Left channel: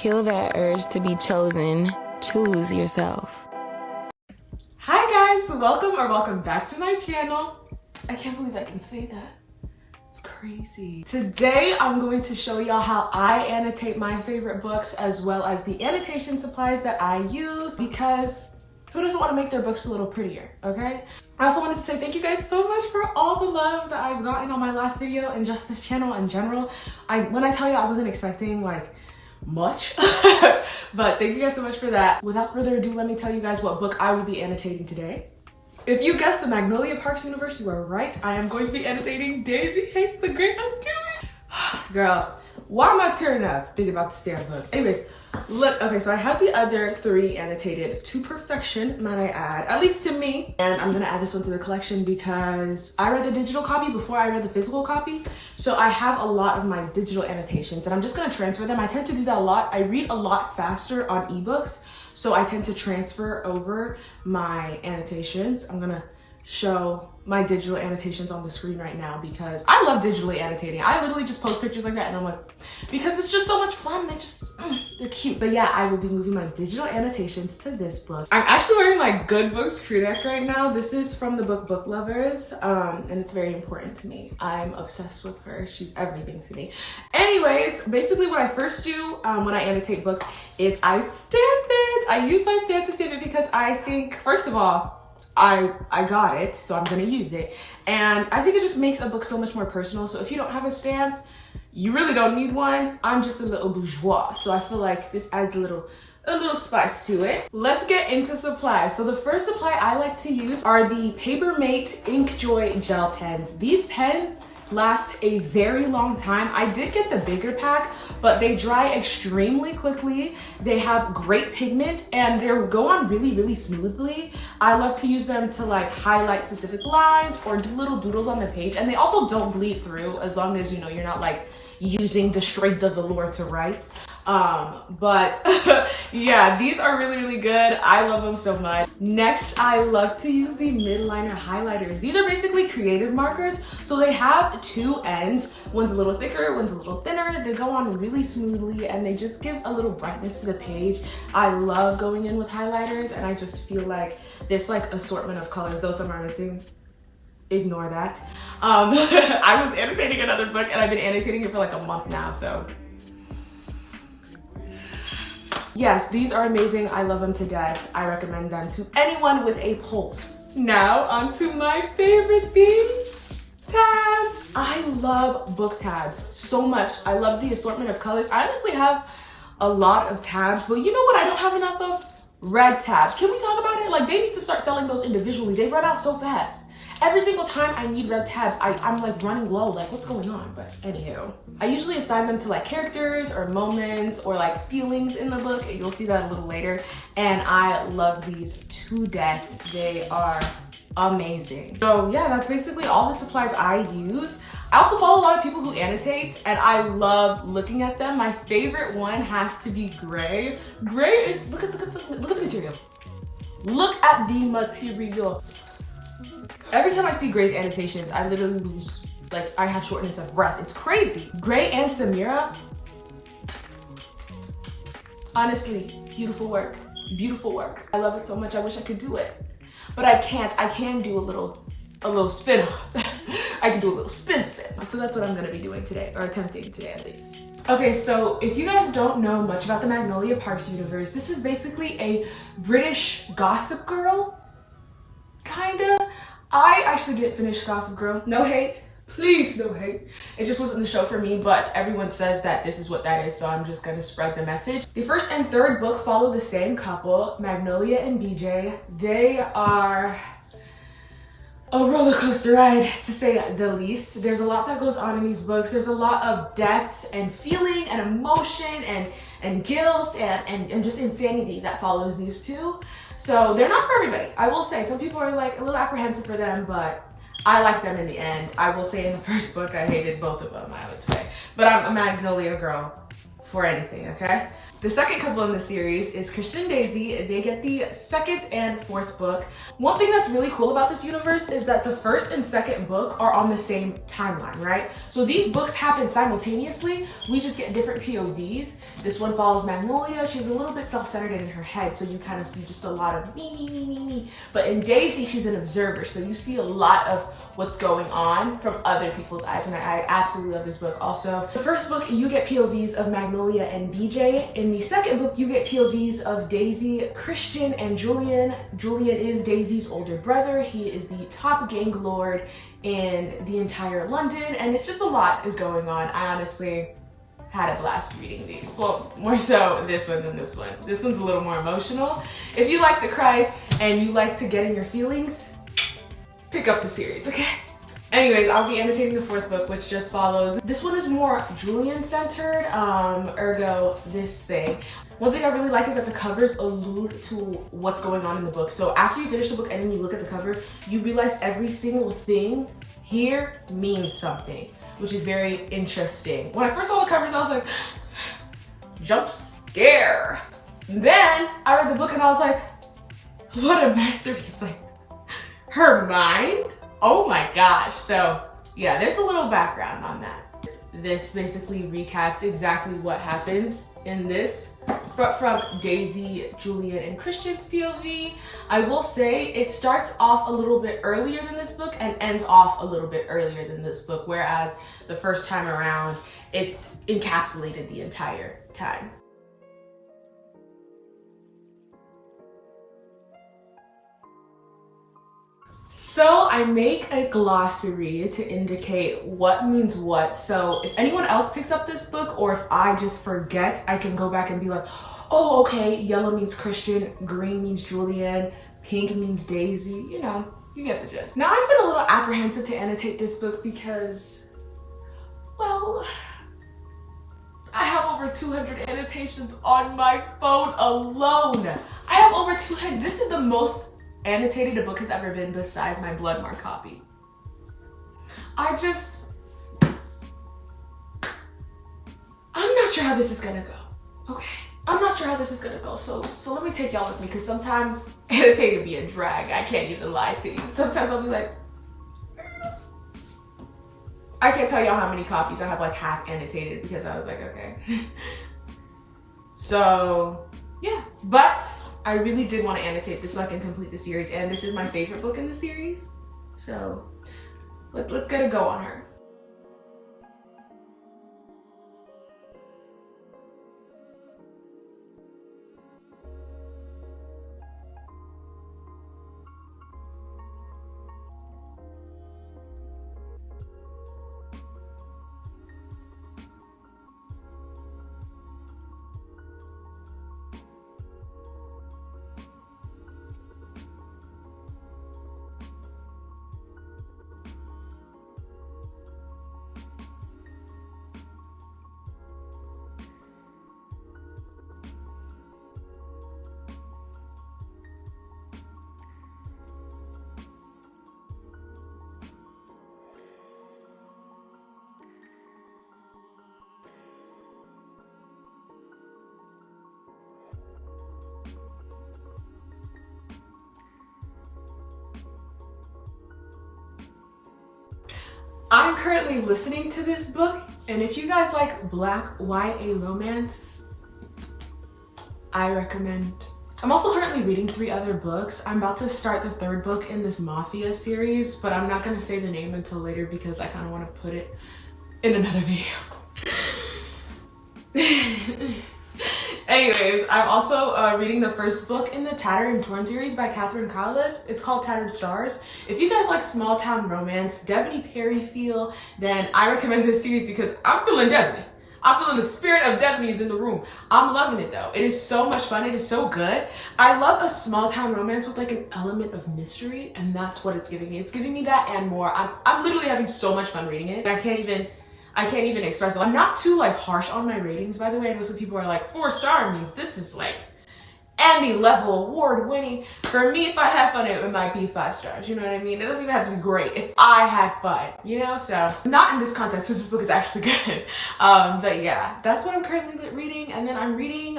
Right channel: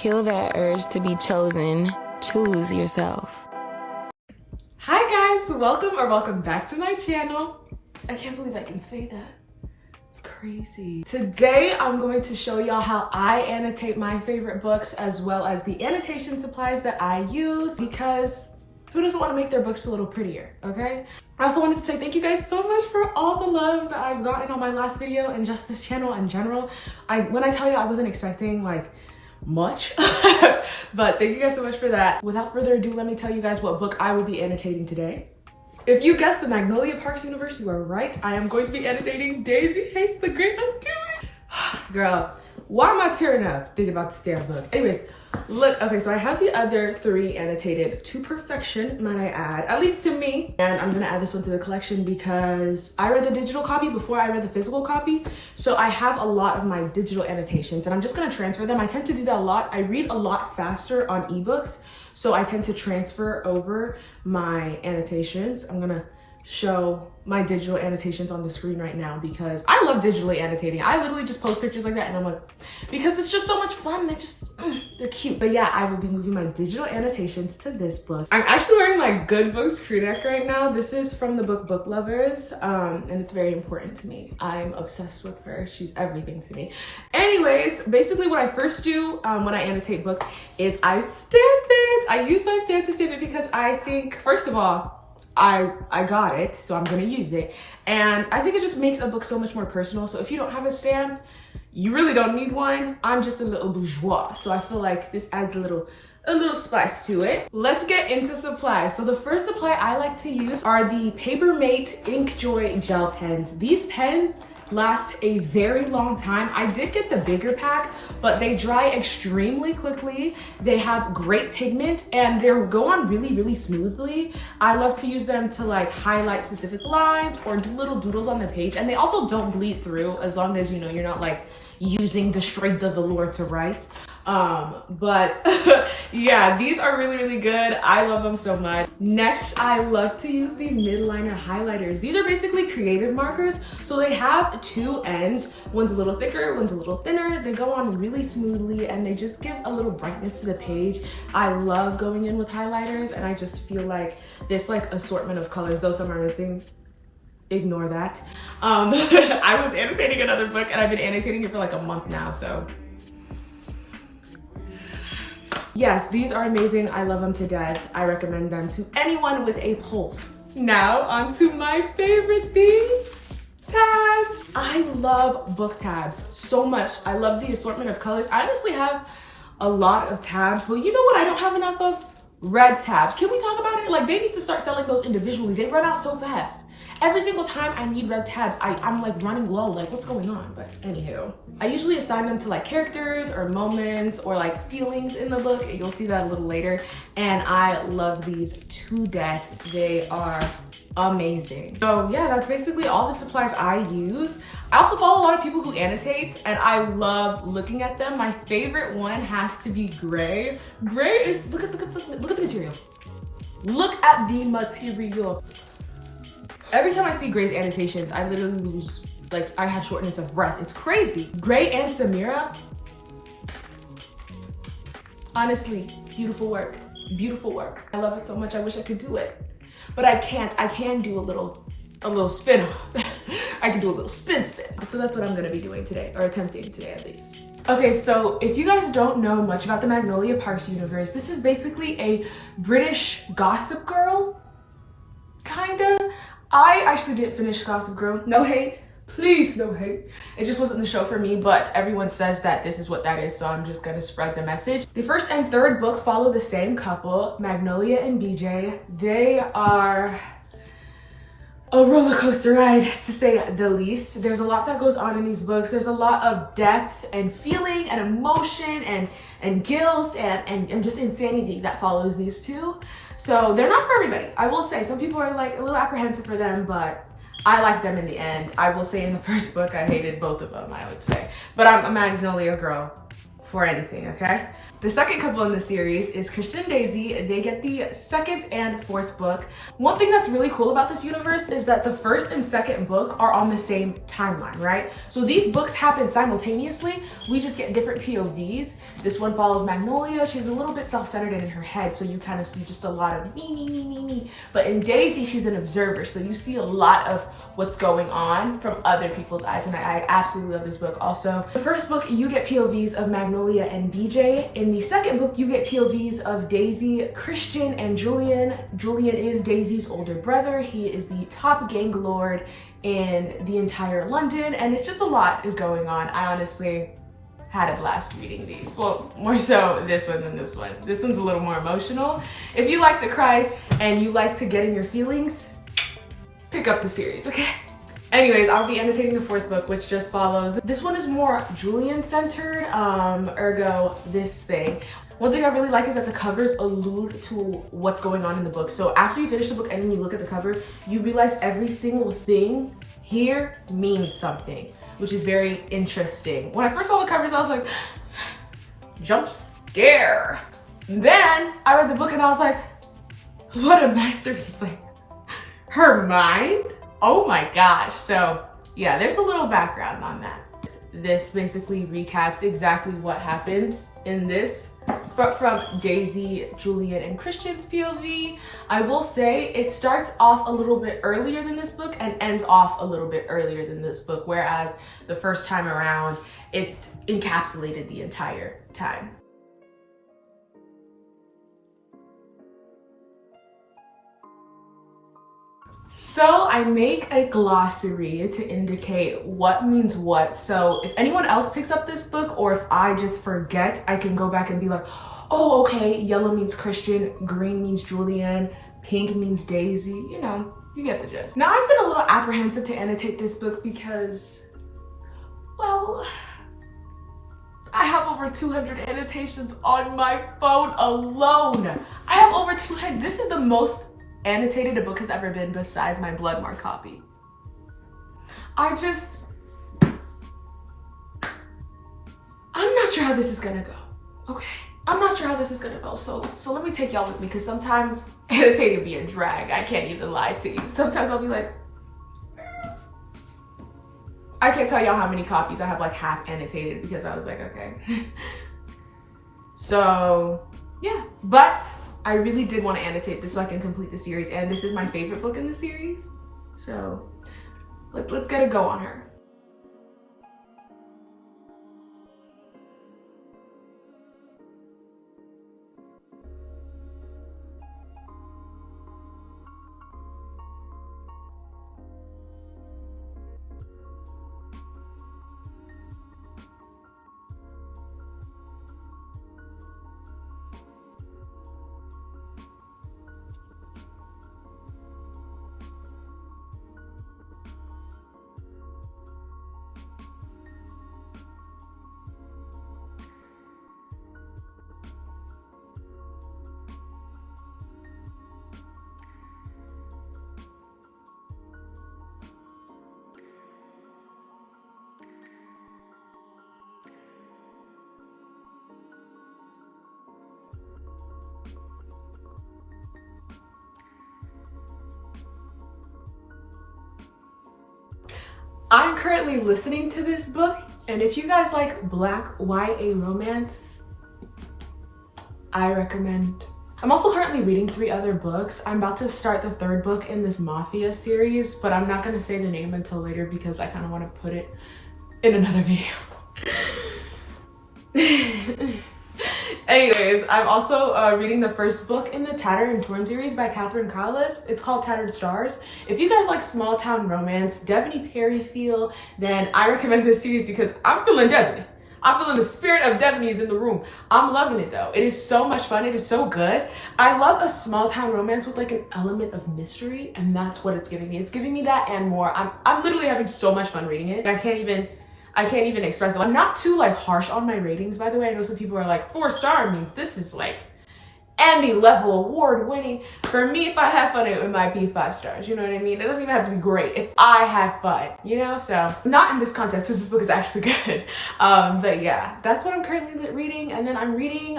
Kill that urge to be chosen. Choose yourself. Hi guys, welcome back to my channel. I can't believe I can say that. It's crazy. Today I'm going to show y'all how I annotate my favorite books as well as the annotation supplies that I use, because who doesn't want to make their books a little prettier, okay? I also wanted to say thank you guys so much for all the love that I've gotten on my last video and just this channel in general. When I tell you I wasn't expecting like much, but thank you guys so much for that. Without further ado, let me tell you guys what book I will be annotating today. If you guessed the Magnolia Parks universe, you are right. I am going to be annotating Daisy Hates the Great Undoing. Girl, why am I tearing up thinking about this damn book? Anyways, look, okay, so I have the other three annotated to perfection, might I add, at least to me. And I'm gonna add this one to the collection because I read the digital copy before I read the physical copy. So I have a lot of my digital annotations and I'm just gonna transfer them. I tend to do that a lot. I read a lot faster on ebooks, so I tend to transfer over my annotations. I'm gonna show my digital annotations on the screen right now because I love digitally annotating. I literally just post pictures like that and I'm like, because it's just so much fun. They're cute. But yeah, I will be moving my digital annotations to this book. I'm actually wearing my Good Books crew neck right now. This is from the book Book Lovers, and it's very important to me. I'm obsessed with her. She's everything to me. Anyways, basically what I first do when I annotate books is I stamp it. I use my stamp to stamp it because I think, first of all, I got it, so I'm gonna use it. And I think it just makes a book so much more personal. So if you don't have a stamp, you really don't need one. I'm just a little bourgeois, so I feel like this adds a little spice to it. Let's get into supplies. So the first supply I like to use are the Papermate Inkjoy gel pens. These pens last a very long time. I did get the bigger pack, but they dry extremely quickly. They have great pigment and they go on really smoothly. I love to use them to like highlight specific lines or do little doodles on the page, and they also don't bleed through as long as, you know, you're not like using the strength of the Lord to write. But yeah, these are really good. I love them so much. Next, I love to use the midliner highlighters. These are basically creative markers. So they have two ends. One's a little thicker, one's a little thinner. They go on really smoothly and they just give a little brightness to the page. I love going in with highlighters, and I just feel like this like assortment of colors, though some are missing, ignore that. I was annotating another book and I've been annotating it for like a month now, so yes, these are amazing. I love them to death. I recommend them to anyone with a pulse. Now onto my favorite thing, tabs. I love book tabs so much. I love the assortment of colors. I honestly have a lot of tabs, but you know what I don't have enough of? Red tabs. Can we talk about it? Like, they need to start selling those individually. They run out so fast. Every single time I need red tabs, I'm like running low, like what's going on? But anywho, I usually assign them to like characters or moments or like feelings in the book. You'll see that a little later. And I love these to death. They are amazing. So yeah, that's basically all the supplies I use. I also follow a lot of people who annotate and I love looking at them. My favorite one has to be Gray. Gray is, look at the material. Look at the material. Every time I see Gray's annotations, I literally lose, like, I have shortness of breath. It's crazy. Gray and Samira, honestly, beautiful work, beautiful work. I love it so much. I wish I could do it, but I can't. I can do a little spin off. I can do a little spin. So that's what I'm gonna be doing today, or attempting today at least. Okay, so if you guys don't know much about the Magnolia Parks universe, this is basically a British Gossip Girl, kinda. I actually didn't finish Gossip Girl. No hate, please, no hate. It just wasn't the show for me, but everyone says that this is what that is, so I'm just gonna spread the message. The first and third book follow the same couple, Magnolia and BJ. They are a roller coaster ride, to say the least. There's a lot that goes on in these books. There's a lot of depth and feeling and emotion and guilt and just insanity that follows these two. So they're not for everybody. I will say some people are like a little apprehensive for them, but I like them in the end. I will say in the first book, I hated both of them, I would say. But I'm a Magnolia girl for anything, okay? The second couple in the series is Christian and Daisy. They get the second and fourth book. One thing that's really cool about this universe is that the first and second book are on the same timeline, right? So these books happen simultaneously. We just get different POVs. This one follows Magnolia. She's a little bit self-centered in her head, so you kind of see just a lot of me. But in Daisy, she's an observer, so you see a lot of what's going on from other people's eyes, and I absolutely love this book. Also, the first book, you get POVs of Magnolia and BJ. In the second book, you get POVs of Daisy, Christian, and Julian. Julian is Daisy's older brother. He is the top gang lord in the entire London, and it's just a lot is going on. I honestly had a blast reading these. Well, more so this one than this one. This one's a little more emotional. If you like to cry and you like to get in your feelings, pick up the series, okay? Anyways, I'll be annotating the fourth book, which just follows. This one is more Julian-centered, ergo this thing. One thing I really like is that the covers allude to what's going on in the book. So after you finish the book and then you look at the cover, you realize every single thing here means something, which is very interesting. When I first saw the covers, I was like, jump scare. Then I read the book and I was like, what a masterpiece. Like, her mind? Oh my gosh. So yeah, there's a little background on that. This basically recaps exactly what happened in this, but from Daisy, Julian, and Christian's POV. I will say it starts off a little bit earlier than this book and ends off a little bit earlier than this book, whereas the first time around, it encapsulated the entire time. So I make a glossary to indicate what means what. So if anyone else picks up this book, or if I just forget, I can go back and be like, oh, okay, yellow means Christian, green means Julian, pink means Daisy, you know, you get the gist. Now I've been a little apprehensive to annotate this book because, well, I have over 200 annotations on my phone alone. I have over 200, this is the most annotated a book has ever been besides my Bloodmark copy. I'm not sure how this is gonna go, okay? I'm not sure how this is gonna go, so let me take y'all with me, because sometimes annotating be a drag. I can't even lie to you. Sometimes I'll be like, I can't tell y'all how many copies I have like half annotated because I was like, okay. So yeah, but I really did want to annotate this so I can complete the series, and this is my favorite book in the series. So let's get a go on her. I'm currently listening to this book, and if you guys like Black YA romance, I recommend. I'm also currently reading 3 other books. I'm about to start the 3rd book in this Mafia series, but I'm not gonna say the name until later because I kind of want to put it in another video. Anyways, I'm also reading the 1st book in the Tattered and Torn series by Catherine Collis. It's called Tattered Stars. If you guys like small town romance, Devony Perry feel, then I recommend this series because I'm feeling Devony. I'm feeling the spirit of Devony's in the room. I'm loving it though. It is so much fun. It is so good. I love a small town romance with like an element of mystery, and that's what it's giving me. It's giving me that and more. I'm literally having so much fun reading it. I can't even express it. I'm not too like harsh on my ratings, by the way. I know some people are like 4-star means this is like Emmy level award winning. For me, if I have fun, it might be 5 stars. You know what I mean? It doesn't even have to be great if I had fun, you know? So not in this context because this book is actually good. But yeah, that's what I'm currently reading. And then I'm reading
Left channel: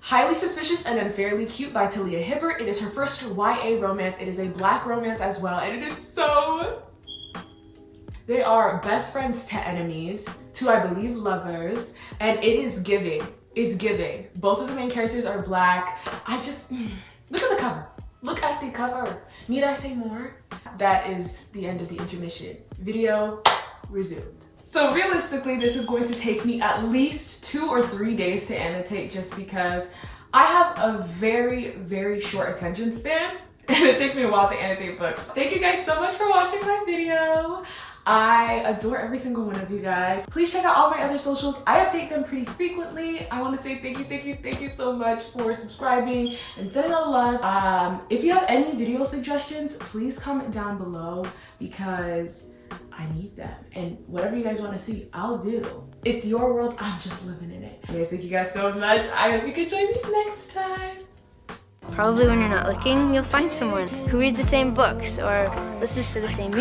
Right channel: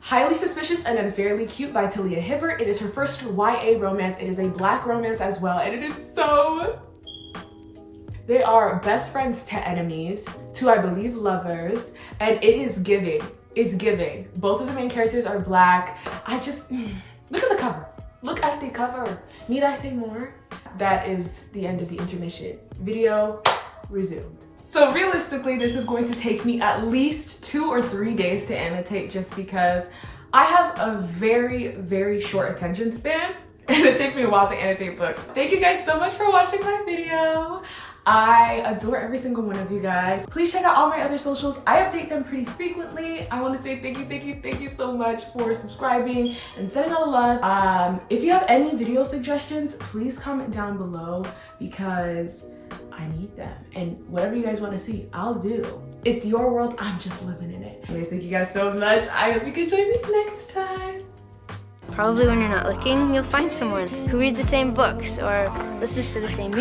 Highly Suspicious and Unfairly Cute by Talia Hibbert. It is her first YA romance. It is a Black romance as well. And it is so... They are best friends to enemies, to I believe lovers, and it is giving. It's giving. Both of the main characters are Black. I just, look at the cover. Look at the cover. Need I say more? That is the end of the intermission. Video resumed. So realistically, this is going to take me at least 2 or 3 days to annotate just because I have a very, very short attention span and it takes me a while to annotate books. Thank you guys so much for watching my video. I adore every single one of you guys. Please check out all my other socials. I update them pretty frequently. I want to say thank you so much for subscribing and sending all the love. If you have any video suggestions, please comment down below because I need them. And whatever you guys want to see, I'll do. It's your world, I'm just living in it. Anyways, thank you guys so much. I hope you can join me next time. Probably when you're not looking, you'll find someone who reads the same books or listens to the same music.